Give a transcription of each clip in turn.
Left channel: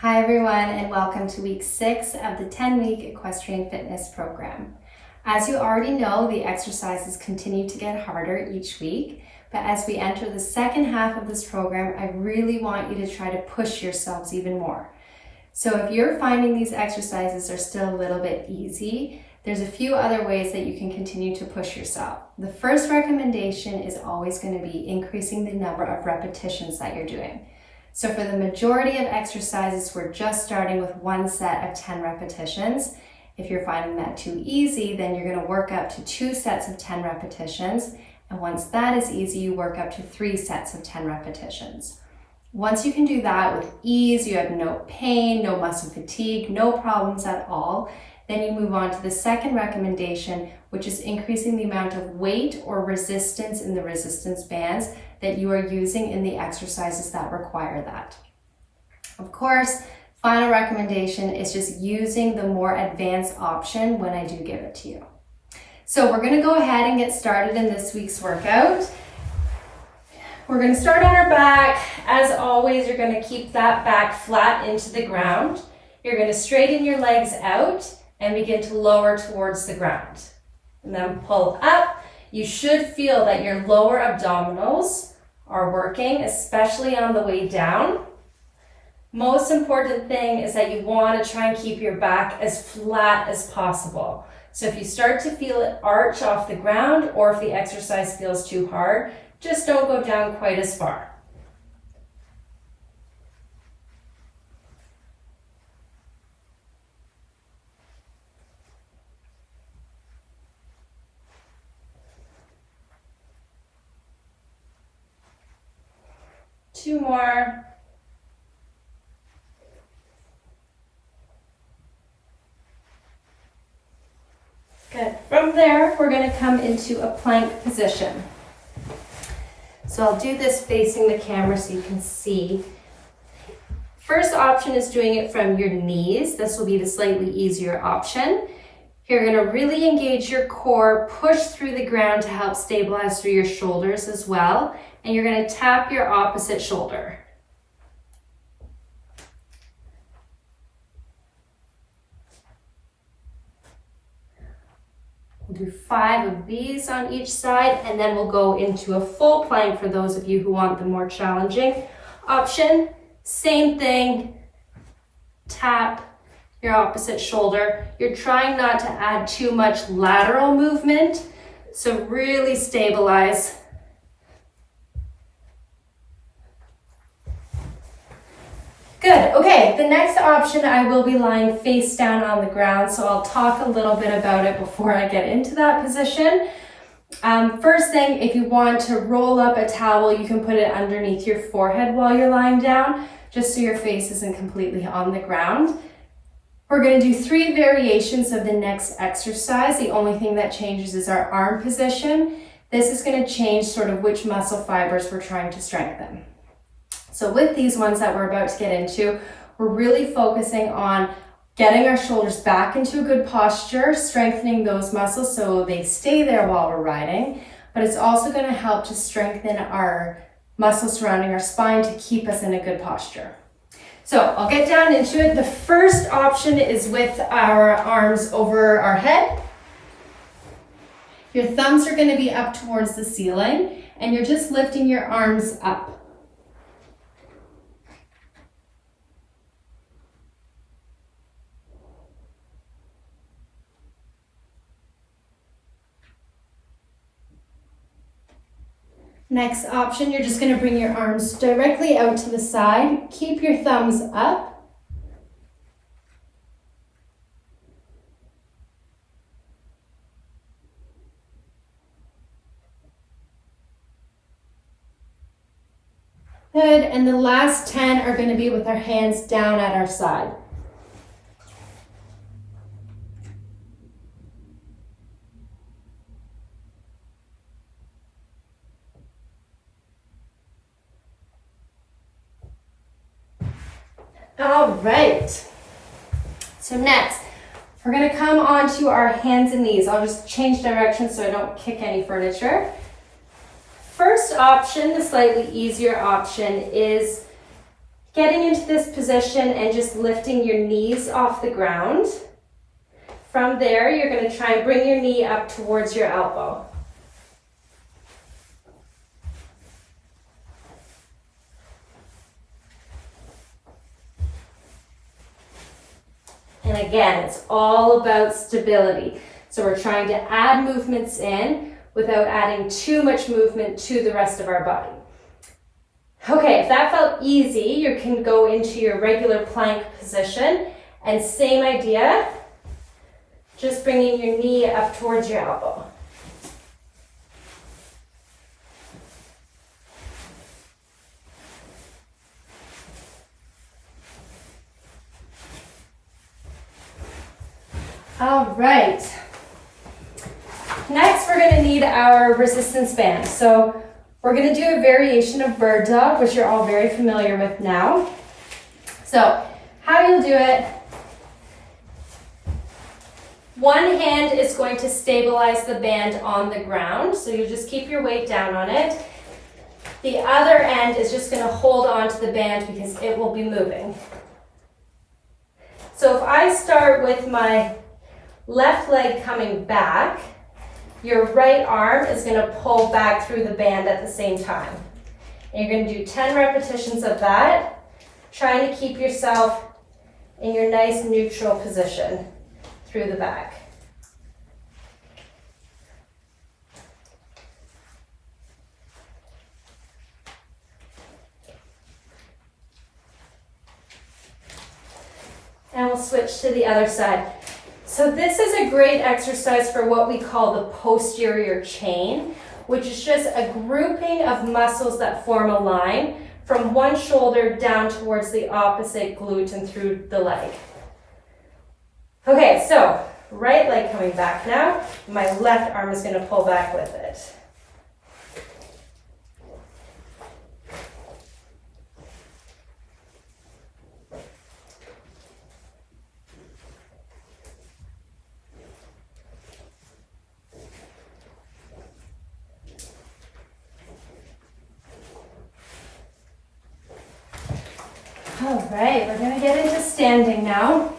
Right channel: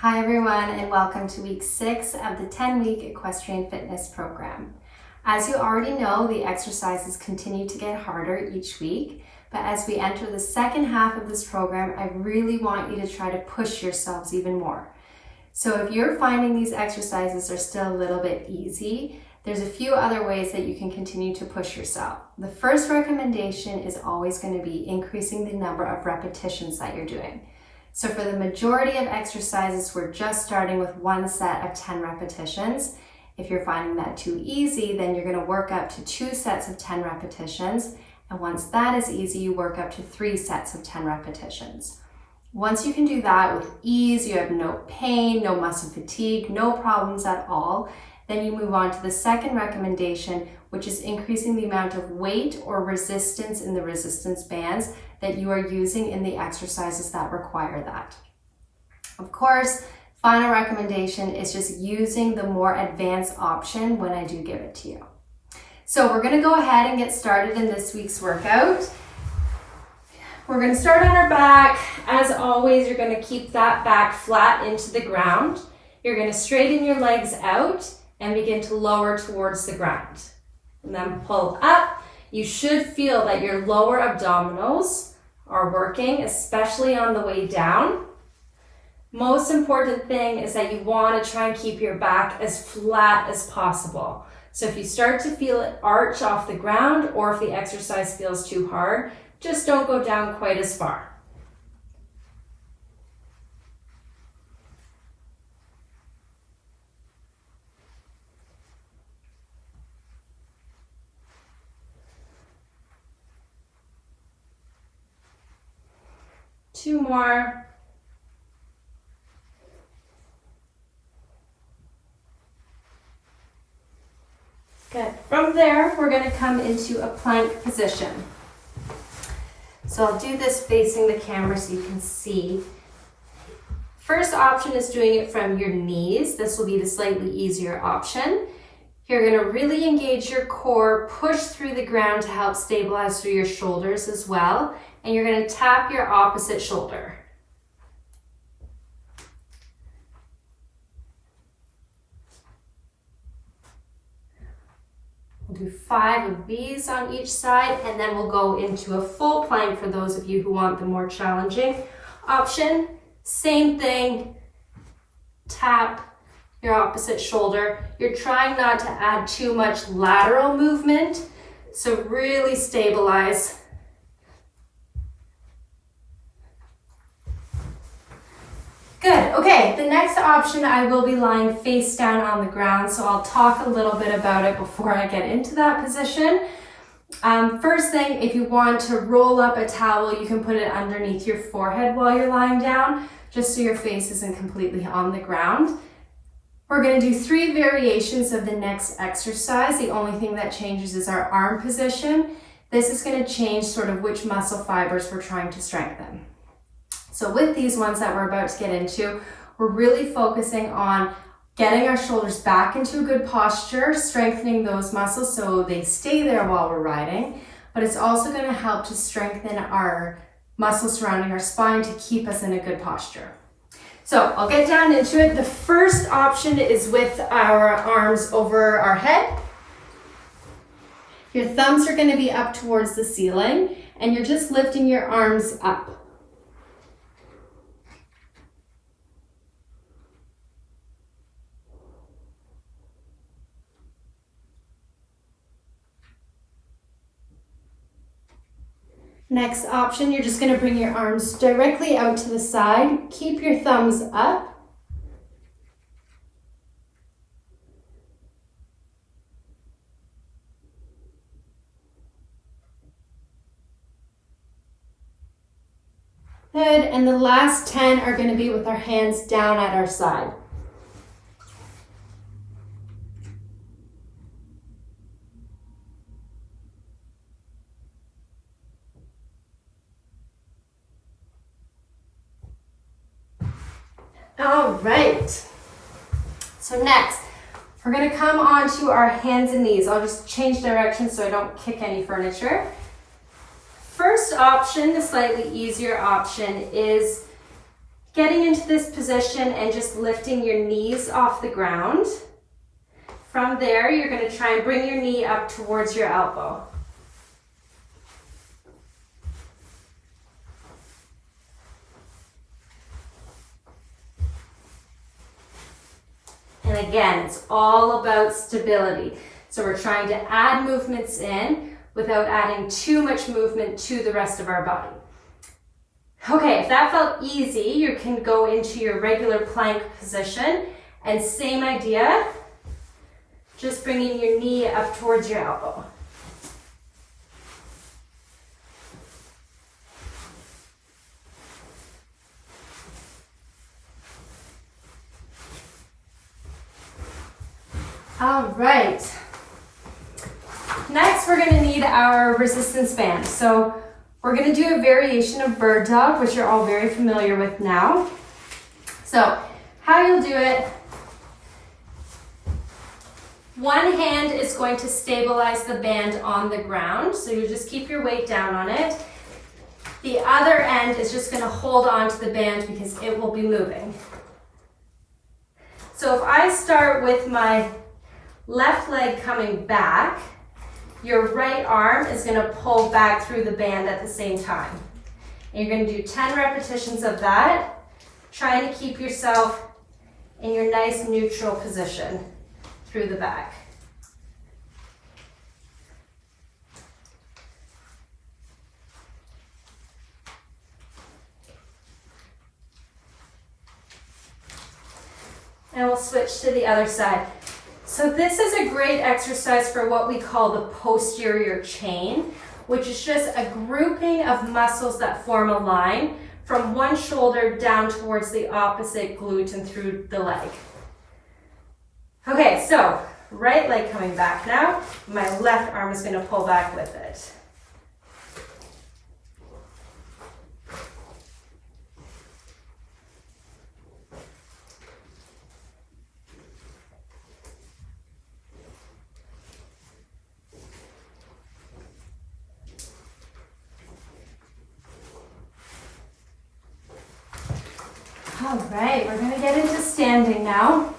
Hi everyone, and welcome to week 6 of the 10-week equestrian fitness program. As you already know, the exercises continue to get harder each week, but as we enter the second half of this program, I really want you to try to push yourselves even more. So if you're finding these exercises are still a little bit easy, there's a few other ways that you can continue to push yourself. The first recommendation is always going to be increasing the number of repetitions that you're doing. So for the majority of exercises, we're just starting with one set of 10 repetitions. If you're finding that too easy, then you're going to work up to 2 sets of 10 repetitions. And once that is easy, you work up to 3 sets of 10 repetitions. Once you can do that with ease, you have no pain, no muscle fatigue, no problems at all, then you move on to the second recommendation, which is increasing the amount of weight or resistance in the resistance bands that you are using in the exercises that require that. Of course, final recommendation is just using the more advanced option when I do give it to you. So we're going to go ahead and get started in this week's workout. We're going to start on our back. As always, you're going to keep that back flat into the ground. You're going to straighten your legs out and begin to lower towards the ground. And then pull up. You should feel that your lower abdominals are working, especially on the way down. Most important thing is that you want to try and keep your back as flat as possible. So if you start to feel it arch off the ground, or if the exercise feels too hard, just don't go down quite as far. Two more. Good. From there, we're going to come into a plank position. So I'll do this facing the camera so you can see. First option is doing it from your knees. This will be the slightly easier option. You're going to really engage your core, push through the ground to help stabilize through your shoulders as well. And you're going to tap your opposite shoulder. We'll do 5 of these on each side, and then we'll go into a full plank for those of you who want the more challenging option. Same thing, tap your opposite shoulder. You're trying not to add too much lateral movement, so really stabilize. Good. Okay, the next option, I will be lying face down on the ground, so I'll talk a little bit about it before I get into that position. First thing, if you want to roll up a towel, you can put it underneath your forehead while you're lying down, just so your face isn't completely on the ground. We're going to do 3 variations of the next exercise. The only thing that changes is our arm position. This is going to change sort of which muscle fibers we're trying to strengthen. So with these ones that we're about to get into, we're really focusing on getting our shoulders back into a good posture, strengthening those muscles so they stay there while we're riding, but it's also going to help to strengthen our muscles surrounding our spine to keep us in a good posture. So I'll get down into it. The first option is with our arms over our head. Your thumbs are going to be up towards the ceiling, and you're just lifting your arms up. Next option, you're just going to bring your arms directly out to the side. Keep your thumbs up. Good, and the last 10 are going to be with our hands down at our side. All right, so next, we're gonna come onto our hands and knees. I'll just change direction so I don't kick any furniture. First option, the slightly easier option, is getting into this position and just lifting your knees off the ground. From there, you're going to try and bring your knee up towards your elbow. And again, it's all about stability. So we're trying to add movements in without adding too much movement to the rest of our body. Okay, if that felt easy, you can go into your regular plank position, and same idea, just bringing your knee up towards your elbow. All right. Next, we're going to need our resistance band. So we're going to do a variation of bird dog, which you're all very familiar with now. So how you'll do it, one hand is going to stabilize the band on the ground. So you just keep your weight down on it. The other end is just going to hold on to the band because it will be moving. So if I start with my left leg coming back, your right arm is going to pull back through the band at the same time. And you're going to do 10 repetitions of that, trying to keep yourself in your nice neutral position through the back. And we'll switch to the other side. So this is a great exercise for what we call the posterior chain, which is just a grouping of muscles that form a line from one shoulder down towards the opposite glute and through the leg. Okay, so right leg coming back now. My left arm is going to pull back with it. All right, we're going to get into standing now.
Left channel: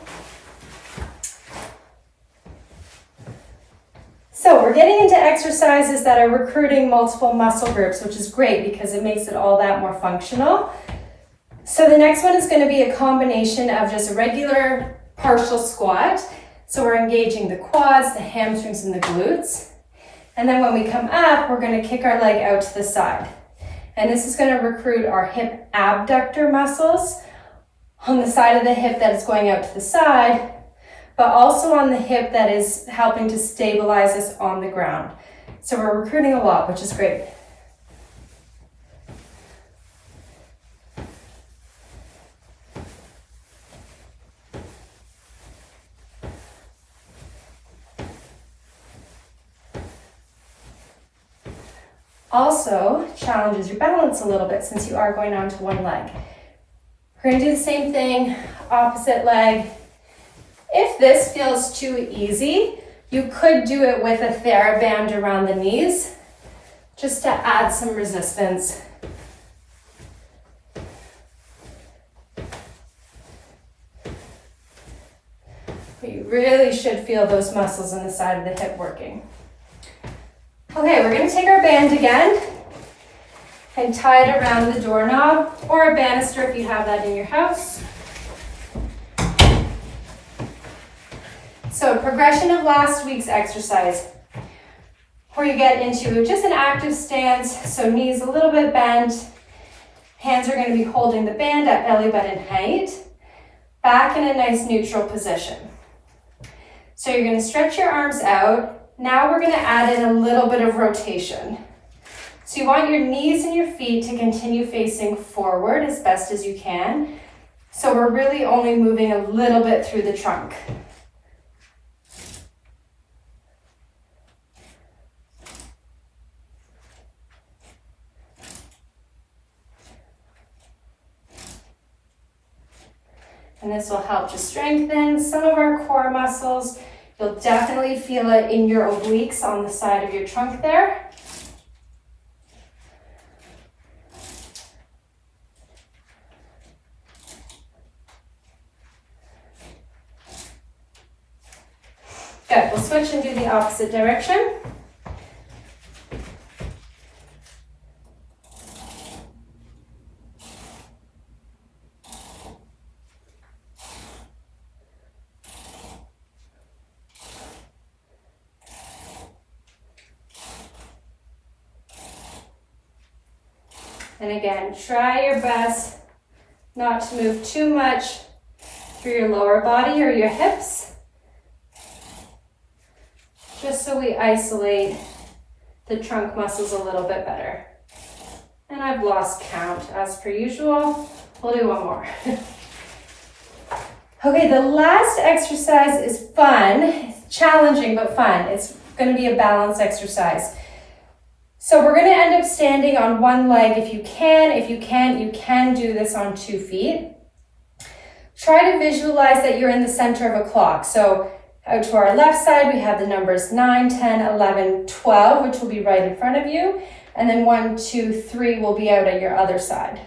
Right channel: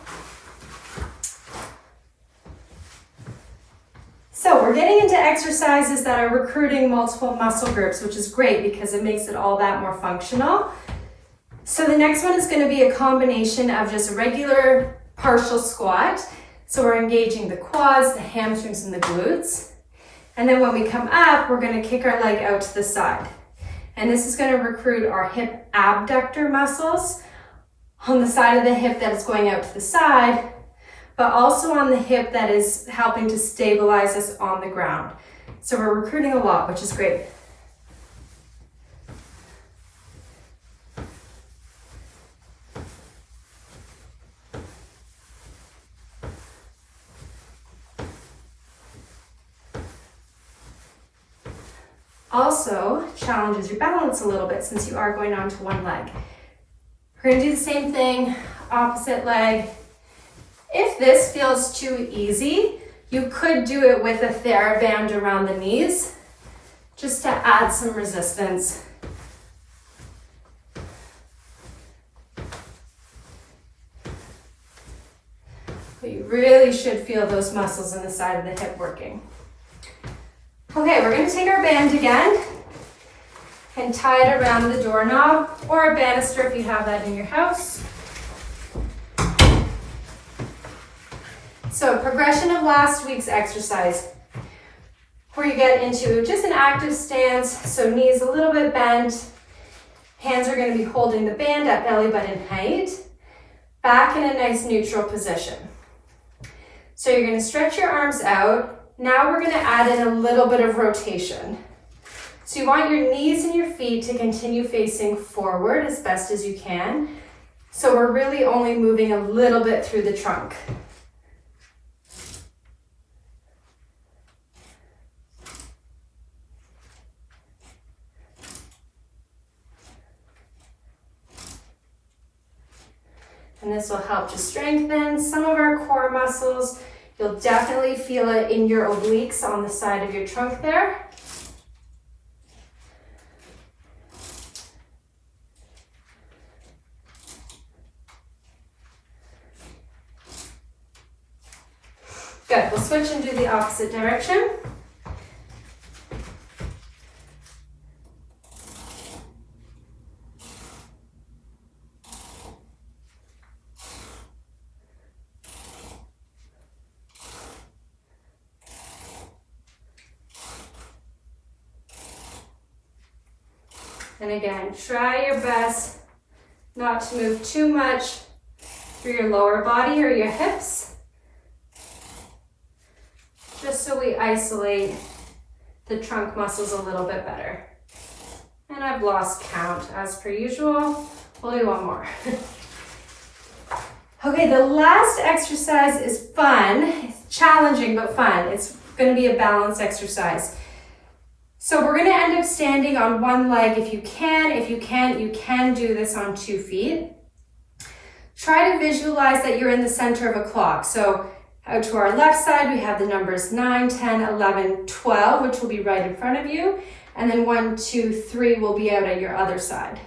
So we're getting into exercises that are recruiting multiple muscle groups, which is great because it makes it all that more functional. So the next one is going to be a combination of just a regular partial squat. So we're engaging the quads, the hamstrings, and the glutes. And then when we come up, we're going to kick our leg out to the side. And this is going to recruit our hip abductor muscles on the side of the hip that is going out to the side, but also on the hip that is helping to stabilize us on the ground. So we're recruiting a lot, which is great. Also challenges your balance a little bit since you are going onto one leg. We're going to do the same thing, opposite leg. If this feels too easy, you could do it with a TheraBand around the knees, just to add some resistance. But you really should feel those muscles on the side of the hip working. Okay, we're going to take our band again and tie it around the doorknob or a banister if you have that in your house. So progression of last week's exercise, where you get into just an active stance, so knees a little bit bent, hands are going to be holding the band at belly button height, back in a nice neutral position. So you're going to stretch your arms out. Now we're going to add in a little bit of rotation. So you want your knees and your feet to continue facing forward as best as you can. So we're really only moving a little bit through the trunk. And this will help to strengthen some of our core muscles. You'll definitely feel it in your obliques on the side of your trunk there. Good, we'll switch and do the opposite direction. And again, try your best not to move too much through your lower body or your hips, just so we isolate the trunk muscles a little bit better. And I've lost count as per usual. We'll do one more. Okay, the last exercise is fun. It's challenging but fun. It's going to be a balance exercise. So we're going to end up standing on one leg if you can. If you can't, you can do this on 2 feet. Try to visualize that you're in the center of a clock. So out to our left side, we have the numbers 9, 10, 11, 12, which will be right in front of you. And then 1, 2, 3 will be out at your other side.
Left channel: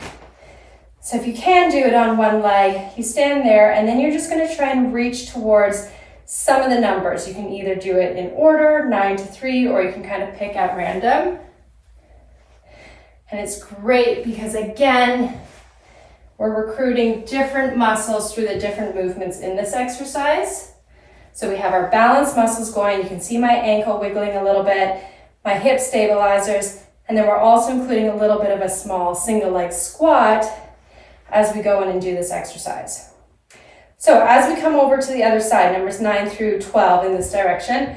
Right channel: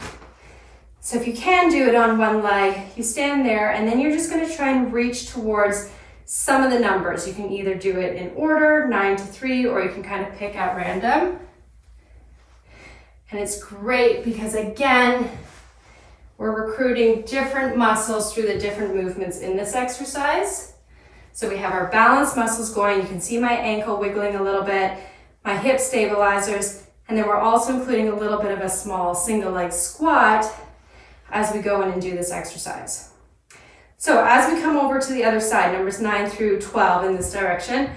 So if you can do it on one leg, you stand there and then you're just going to try and reach towards some of the numbers. You can either do it in order, 9 to 3, or you can kind of pick at random. And it's great because, again, we're recruiting different muscles through the different movements in this exercise. So we have our balance muscles going. You can see my ankle wiggling a little bit, my hip stabilizers, and then we're also including a little bit of a small single leg squat as we go in and do this exercise. So as we come over to the other side, numbers 9 through 12 in this direction,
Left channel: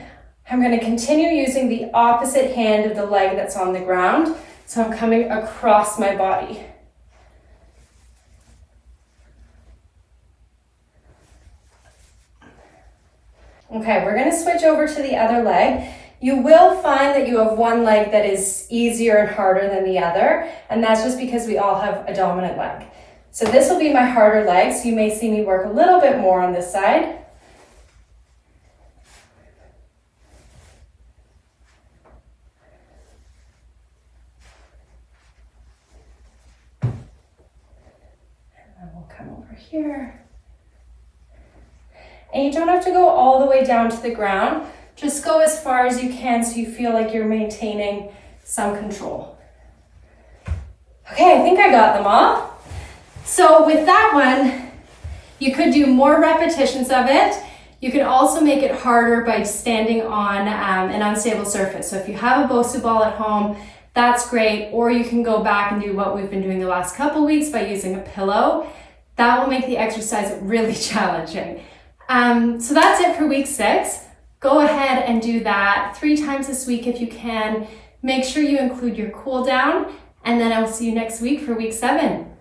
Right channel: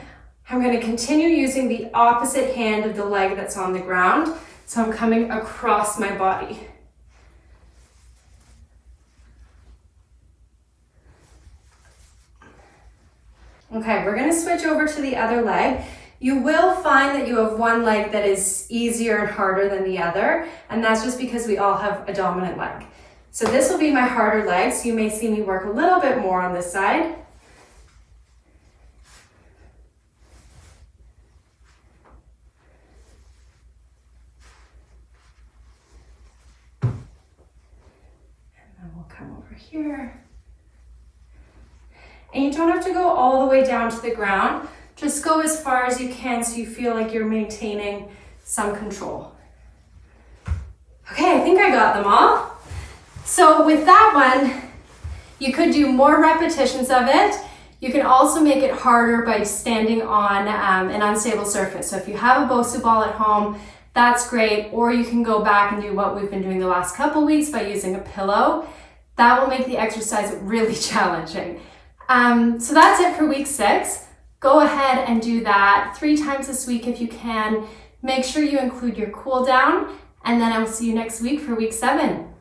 I'm going to continue using the opposite hand of the leg that's on the ground. So I'm coming across my body. Okay, we're going to switch over to the other leg. You will find that you have one leg that is easier and harder than the other, and that's just because we all have a dominant leg. So this will be my harder leg, so you may see me work a little bit more on this side. And then we'll come over here. And you don't have to go all the way down to the ground. Just go as far as you can so you feel like you're maintaining some control. Okay, I think I got them all. So with that one, you could do more repetitions of it. You can also make it harder by standing on an unstable surface. So if you have a Bosu ball at home, that's great. Or you can go back and do what we've been doing the last couple weeks by using a pillow. That will make the exercise really challenging. So that's it for week 6. Go ahead and do that 3 times this week if you can. Make sure you include your cool down, and then I will see you next week for week 7.